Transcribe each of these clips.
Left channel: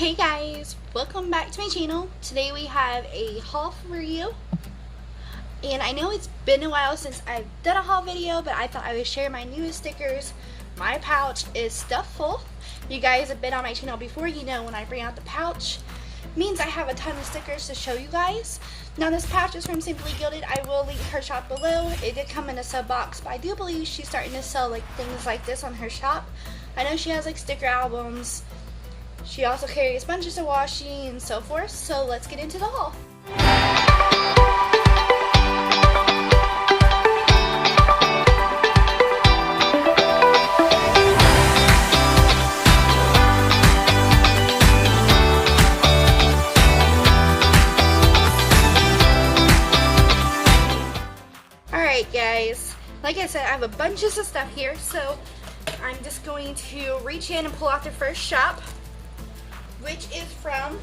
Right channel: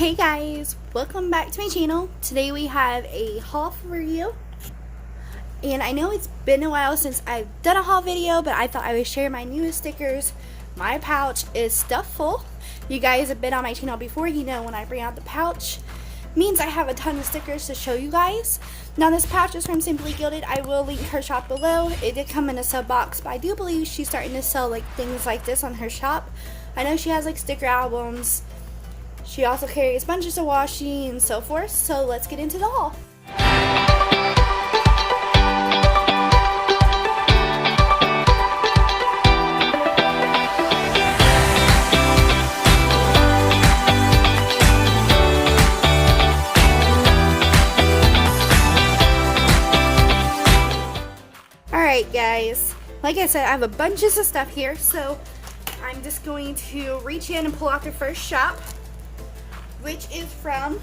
Hey guys, welcome back to my channel. Today we have a haul for you. And I know it's been a while since I've done a haul video, but I thought I would share my newest stickers. My pouch is stuffed full. You guys have been on my channel before, you know when I bring out the pouch, means I have a ton of stickers to show you guys. Now this pouch is from Simply Gilded. I will link her shop below. It did come in a sub box, but I do believe she's starting to sell like things like this on her shop. I know she has like sticker albums. She also carries bunches of washi and so forth, so let's get into the haul. Alright guys, like I said, I have a bunches of stuff here, so I'm just going to reach in and pull out the first shop, which is from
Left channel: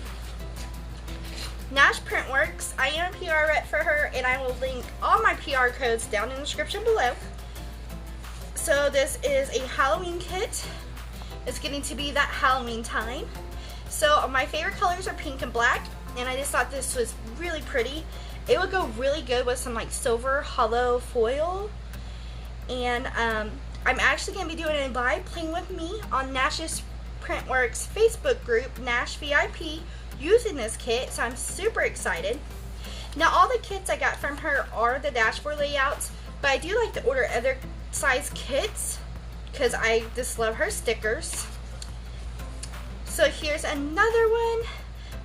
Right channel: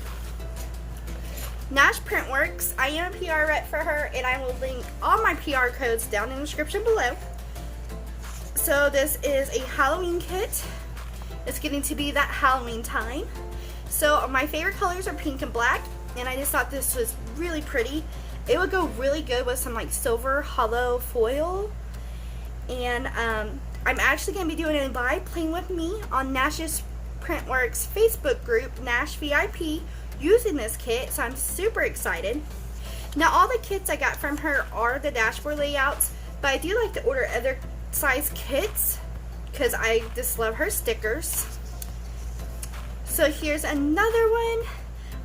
Nashsprintwork. I am a PR rep for her, and I will link all my PR codes down in the description below. So this is a Halloween kit. It's getting to be that Halloween time. So my favorite colors are pink and black, and I just thought this was really pretty. It would go really good with some like silver hollow foil. And I'm actually going to be doing a live playing with me on Nashsprintwork's Facebook group, Nash VIP, using this kit, so I'm super excited. Now all the kits I got from her are the dashboard layouts, but I do like to order other size kits because I just love her stickers. So here's another one.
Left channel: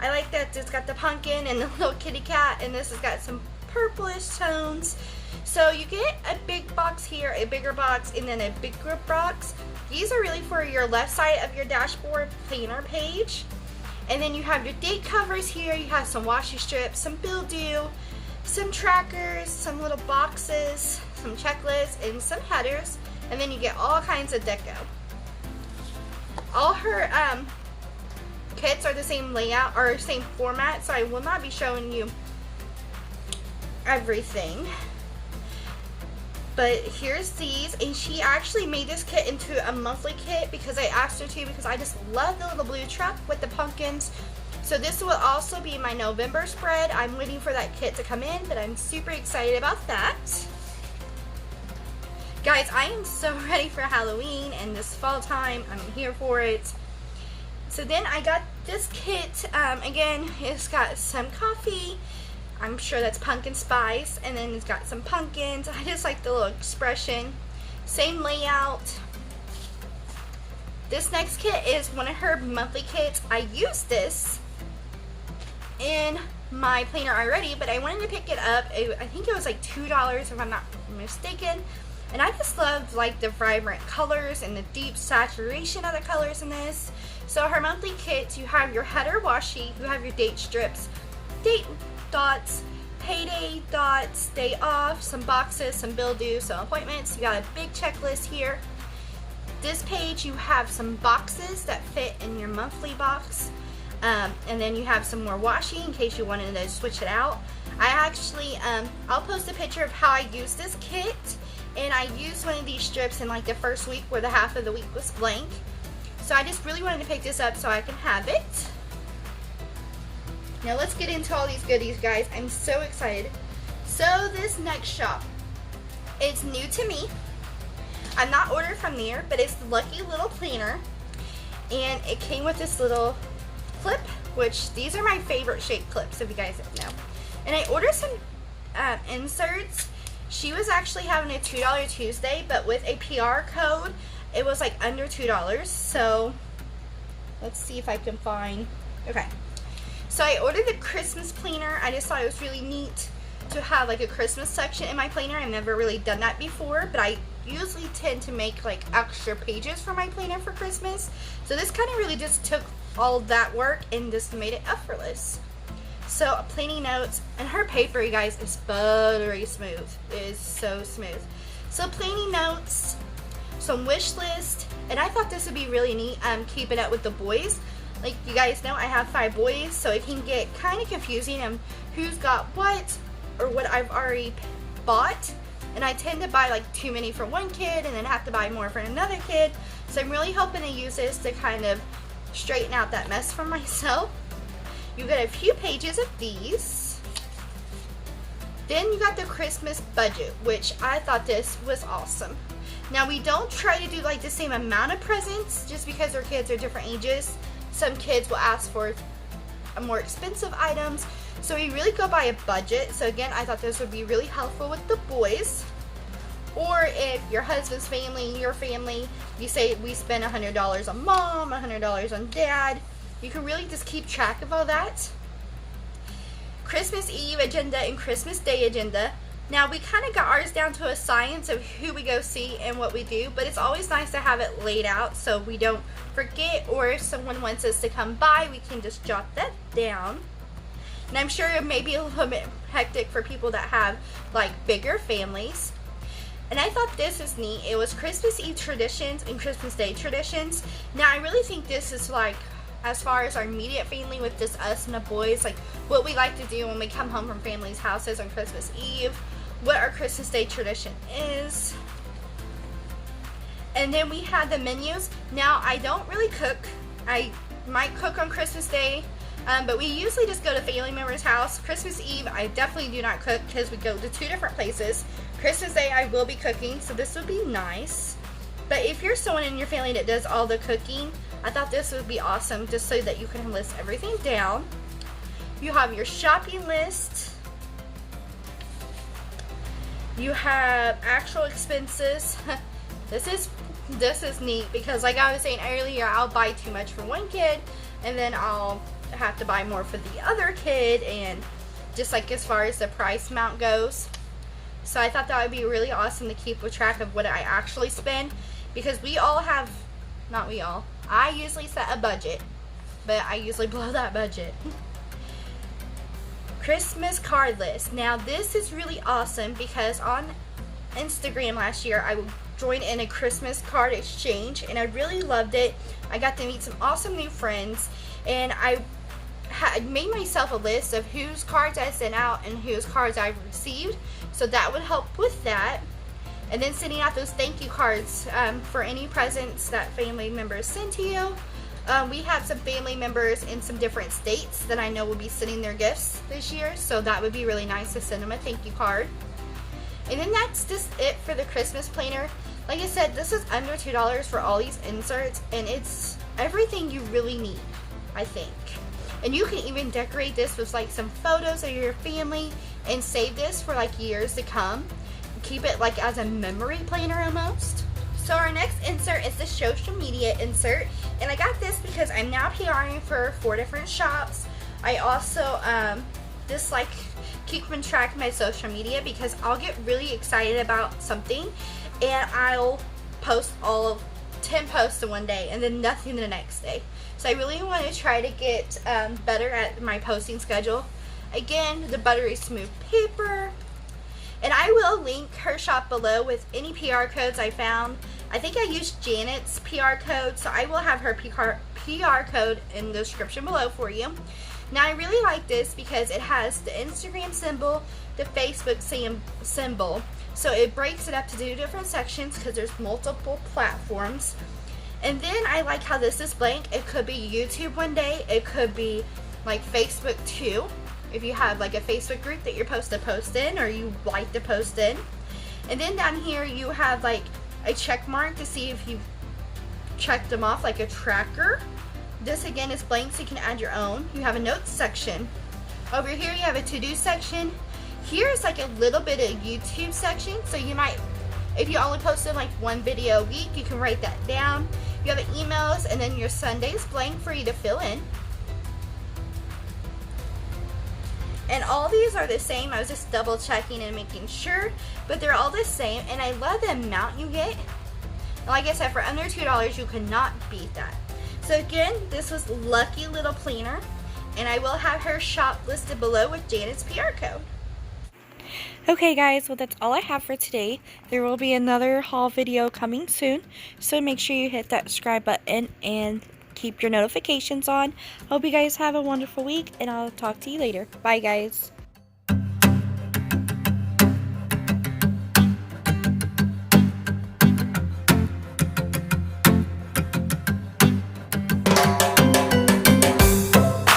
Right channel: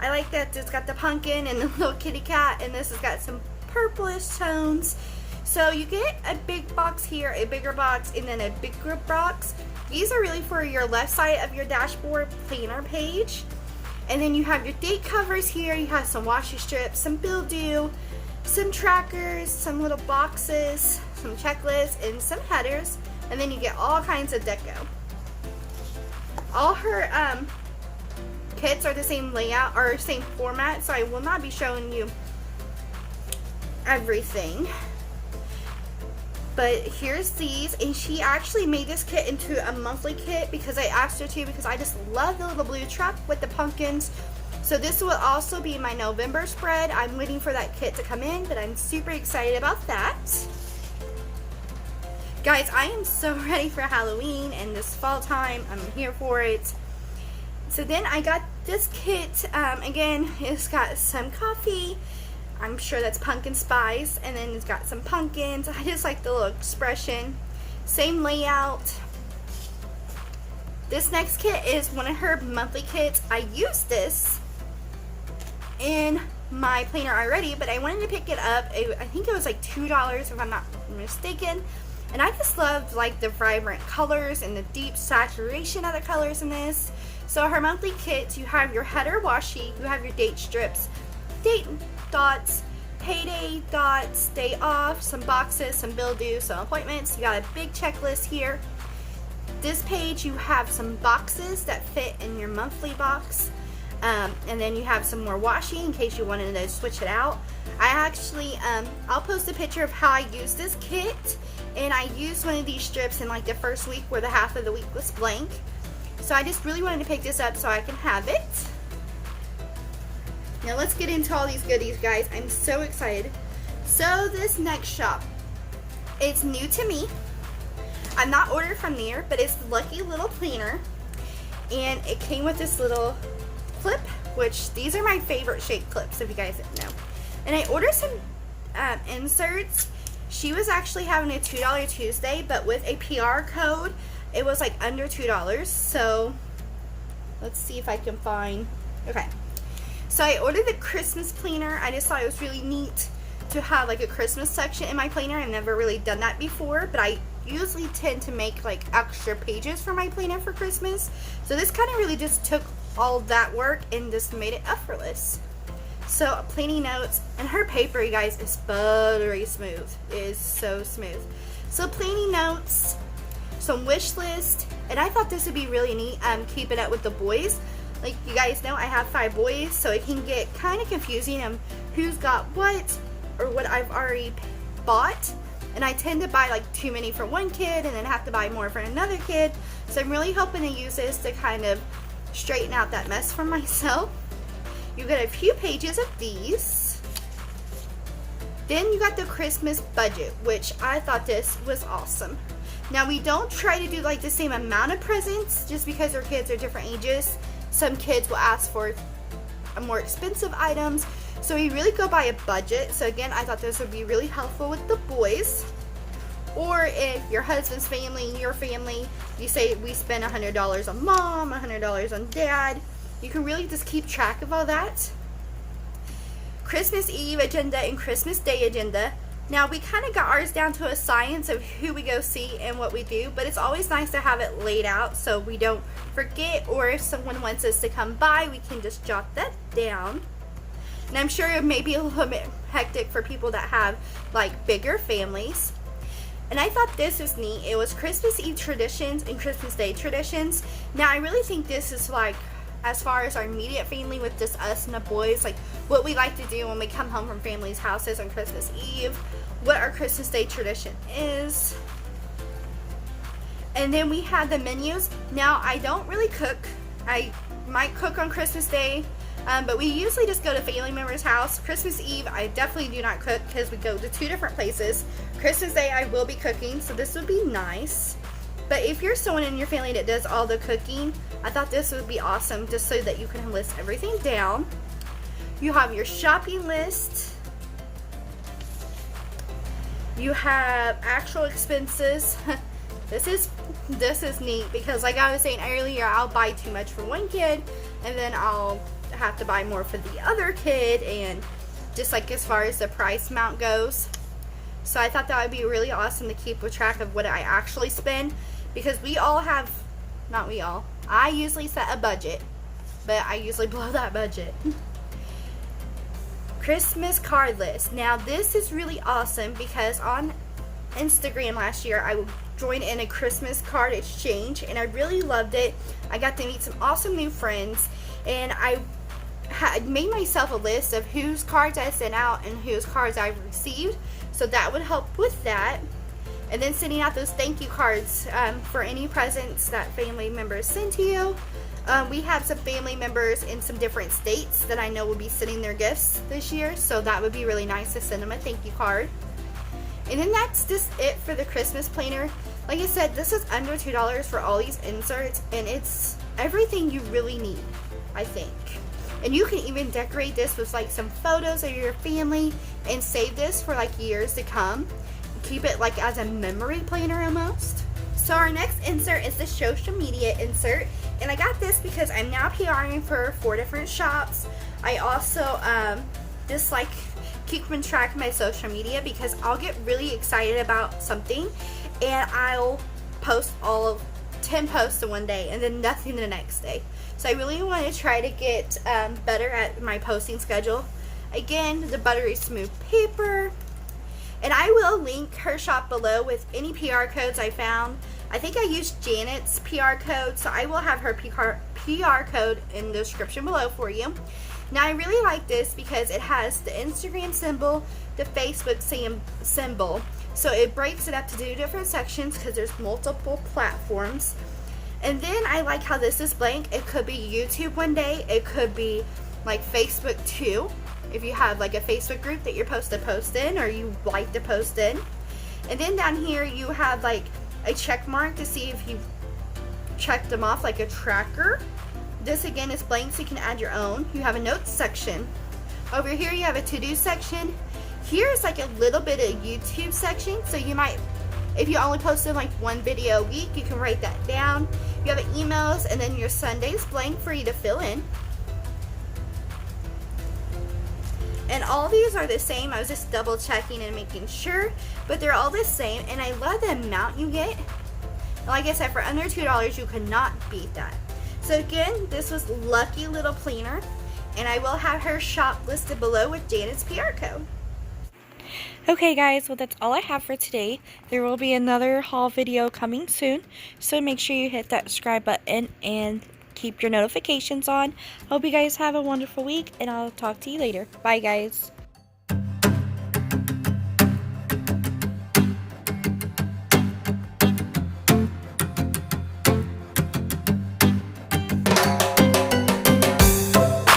I like that it's got the pumpkin and the little kitty cat, and this has got some purplish tones. So you get a big box here, a bigger box, and then a bigger box. These are really for your left side of your dashboard planner page. And then you have your date covers here. You have some washi strips, some bill due, some trackers, some little boxes, some checklists, and some headers. And then you get all kinds of deco. All her kits are the same layout or same format, so I will not be showing you everything. But here's these, and she actually made this kit into a monthly kit because I asked her to, because I just love the little blue truck with the pumpkins. So this will also be my November spread. I'm waiting for that kit to come in, but I'm super excited about that. Guys, I am so ready for Halloween and this fall time. I'm here for it. So then I got this kit. Again, it's got some coffee. I'm sure that's pumpkin spice, and then it's got some pumpkins. I just like the little expression. Same layout. This next kit is one of her monthly kits. I used this in my planner already, but I wanted to pick it up. I think it was like $2 if I'm not mistaken. And I just loved like the vibrant colors and the deep saturation of the colors in this. So her monthly kits, you have your header washi, you have your date strips, date dots, payday dots, day off, some boxes, some bill due, some appointments. You got a big checklist here. This page you have some boxes that fit in your monthly box, and then you have some more washi in case you wanted to switch it out. I actually I'll post a picture of how I use this kit, and I used one of these strips in like the first week where the half of the week was blank. So I just really wanted to pick this up so I can have it. Now let's get into all these goodies, guys. I'm so excited. So this next shop, it's new to me. I'm not ordered from there, but it's Lucky Little Planner. And it came with this little clip, which these are my favorite shape clips, if you guys don't know. And I ordered some inserts. She was actually having a $2 Tuesday, but with a PR code, it was like under $2. So let's see if I can find, okay. So I ordered the Christmas planner. I just thought it was really neat to have like a Christmas section in my planner. I've never really done that before, but I usually tend to make like extra pages for my planner for Christmas. So this kind of really just took all that work and just made it effortless. So planning notes, and her paper, you guys, is buttery smooth. It is so smooth. So planning notes, some wish list, and I thought this would be really neat. Keeping it with the boys. Like you guys know, I have 5 boys, so it can get kind of confusing on who's got what or what I've already bought. And I tend to buy like too many for one kid and then have to buy more for another kid. So I'm really hoping to use this to kind of straighten out that mess for myself. You get a few pages of these. Then you got the Christmas budget, which I thought this was awesome. Now we don't try to do like the same amount of presents just because our kids are different ages. Some kids will ask for more expensive items, so we really go by a budget. So again, I thought this would be really helpful with the boys. Or if your husband's family, your family, you say we spend $100 on mom, $100 on dad, you can really just keep track of all that. Christmas Eve agenda and Christmas Day agenda. Now we kind of got ours down to a science of who we go see and what we do, but it's always nice to have it laid out so we don't forget, or if someone wants us to come by, we can just jot that down. And I'm sure it may be a little bit hectic for people that have like bigger families. And I thought this was neat. It was Christmas Eve traditions and Christmas Day traditions. Now I really think this is like, as far as our immediate family with just us and the boys, like what we like to do when we come home from families' houses on Christmas Eve, what our Christmas Day tradition is. And then we have the menus. Now I don't really cook. I might cook on Christmas Day, but we usually just go to family members' house. Christmas Eve I definitely do not cook because we go to 2 different places. Christmas Day I will be cooking, so this would be nice. But if you're someone in your family that does all the cooking, I thought this would be awesome just so that you can list everything down. You have your shopping list. You have actual expenses. This is neat because like I was saying earlier, I'll buy too much for one kid and then I'll have to buy more for the other kid, and just like as far as the price amount goes. So I thought that would be really awesome to keep track of what I actually spend, because we all have, not we all, I usually set a budget, but I usually blow that budget. Christmas card list. Now this is really awesome because on Instagram last year I joined in a Christmas card exchange and I really loved it. I got to meet some awesome new friends, and I had made myself a list of whose cards I sent out and whose cards I've received, so that would help with that. And then sending out those thank you cards for any presents that family members send to you. We have some family members in some different states that I know will be sending their gifts this year, so that would be really nice to send them a thank you card. And then that's just it for the Christmas planner. Like I said, this is under $2 for all these inserts, and it's everything you really need, I think. And you can even decorate this with like some photos of your family and save this for like years to come. Keep it like as a memory planner almost. So our next insert is the social media insert, and I got this because I'm now PRing for 4 different shops. I also just like keeping track of my social media because I'll get really excited about something and I'll post all of 10 posts in one day and then nothing the next day. So I really want to try to get better at my posting schedule. Again, the buttery smooth paper. And I will link her shop below with any PR codes I found. I think I used Janet's PR code, so I will have her PR code in the description below for you. Now I really like this because it has the Instagram symbol, the Facebook symbol. So it breaks it up to 2 different sections because there's multiple platforms. And then I like how this is blank. It could be YouTube one day. It could be like Facebook too. If you have like a Facebook group that you're supposed to post in or you like to post in. And then down here you have like a check mark to see if you checked them off, like a tracker. This again is blank, so you can add your own. You have a notes section. Over here you have a to-do section. Here's like a little bit of YouTube section, so you might, if you only posted like 1 video a week, you can write that down. You have emails, and then your Sunday's blank for you to fill in. And all these are the same. I was just double checking and making sure, but they're all the same, and I love the amount you get. And like I said, for under $2 you cannot beat that. So again, this was Lucky Little Planner, and I will have her shop listed below with Janet's PR code. Okay guys, well that's all I have for today. There will be another haul video coming soon, so make sure you hit that subscribe button and keep your notifications on. Hope you guys have a wonderful week, and I'll talk to you later. Bye guys.